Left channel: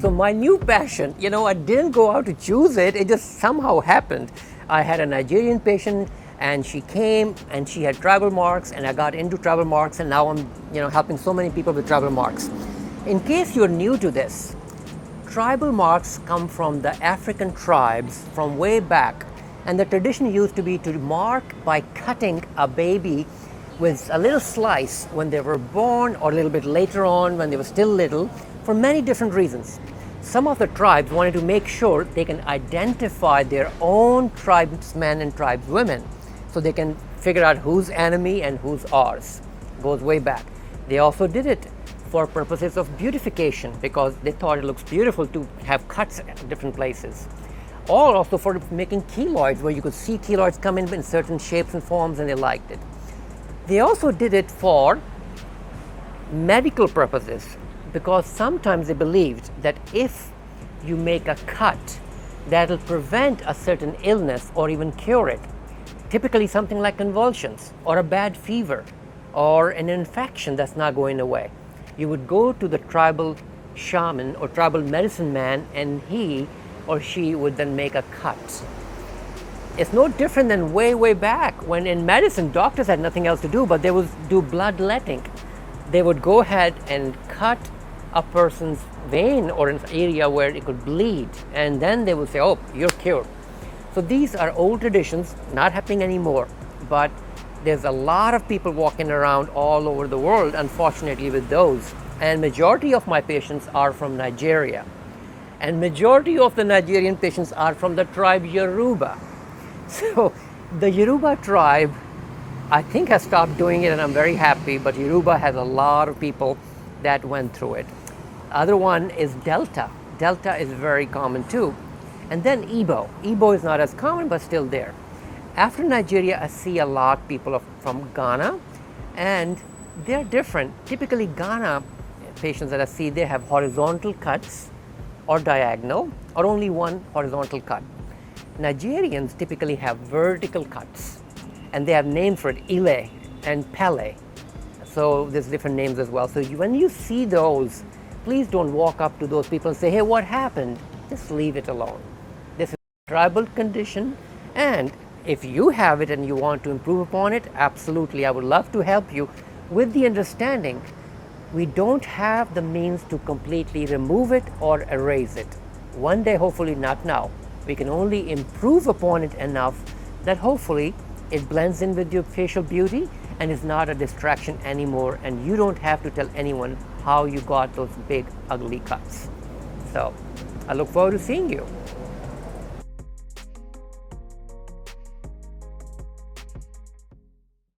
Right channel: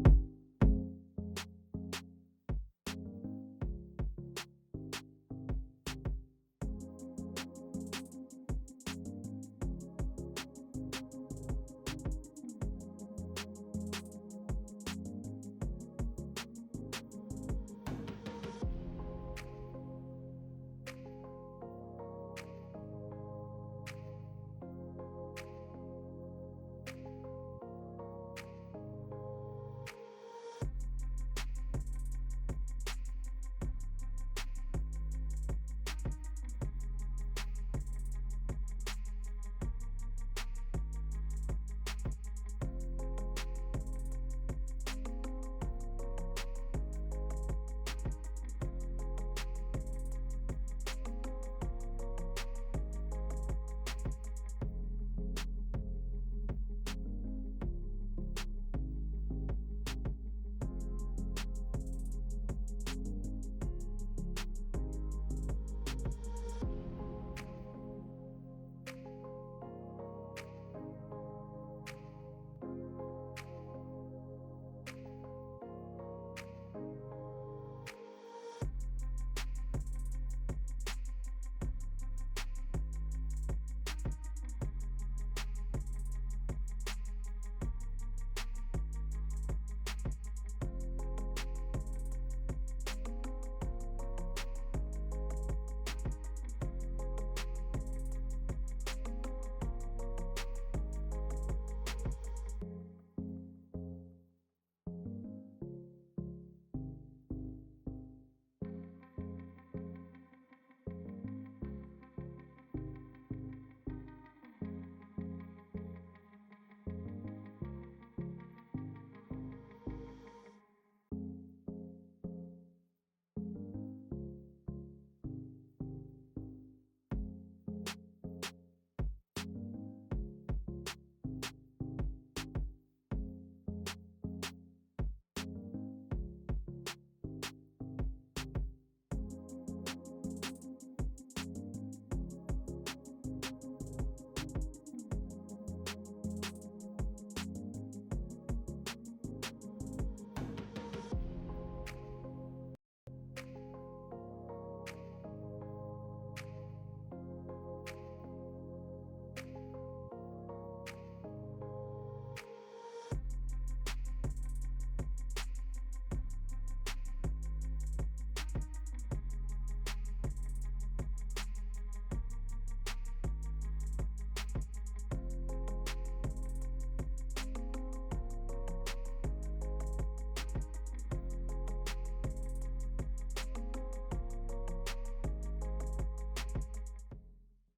So my new passion, I didn't go out to choose it, it just somehow happened. I had a Nigerian patient and she came and she had tribal marks, and I got into tribal marks, and now I'm helping so many people with tribal marks. In case you're new to this, tribal marks come from the African tribes from way back, and the tradition used to be to mark by cutting a baby with a little slice when they were born or a little bit later on when they were still little, for many different reasons. Some of the tribes wanted to make sure they can identify their own tribesmen and tribeswomen, so they can figure out who's enemy and who's ours. It goes way back. They also did it for purposes of beautification, because they thought it looks beautiful to have cuts at different places. Or also for making keloids, where you could see keloids come in certain shapes and forms, and they liked it. They also did it for medical purposes, because sometimes they believed that if you make a cut, that'll prevent a certain illness or even cure it. Typically something like convulsions or a bad fever or an infection that's not going away. You would go to the tribal shaman or tribal medicine man, and he or she would then make a cut. It's no different than way back when in medicine doctors had nothing else to do, but they would do bloodletting. They would go ahead and cut a person's vein or an area where it could bleed, and then they would say, oh, you're cured. So these are old traditions, not happening anymore, but there's a lot of people walking around all over the world, unfortunately, with those. And majority of my patients are from Nigeria. And majority of the Nigerian patients are from the tribe Yoruba. So the Yoruba tribe, I think, has stopped doing it, and I'm very happy, but Yoruba has a lot of people that went through it. Other one is Delta. Delta is very common too. And then Igbo. Igbo is not as common, but still there. After Nigeria, I see a lot of people from Ghana, and they're different. Typically Ghana patients that I see, they have horizontal cuts or diagonal, or only one horizontal cut. Nigerians typically have vertical cuts, and they have names for it, Ile and Pele. So there's different names as well. So when you see those, please don't walk up to those people and say, hey, what happened? Just leave it alone. This is a tribal condition, and if you have it and you want to improve upon it, absolutely, I would love to help you, with the understanding we don't have the means to completely remove it or erase it. One day, hopefully not now. We can only improve upon it enough that hopefully it blends in with your facial beauty and is not a distraction anymore, and you don't have to tell anyone how you got those big, ugly cuts. So I look forward to seeing you.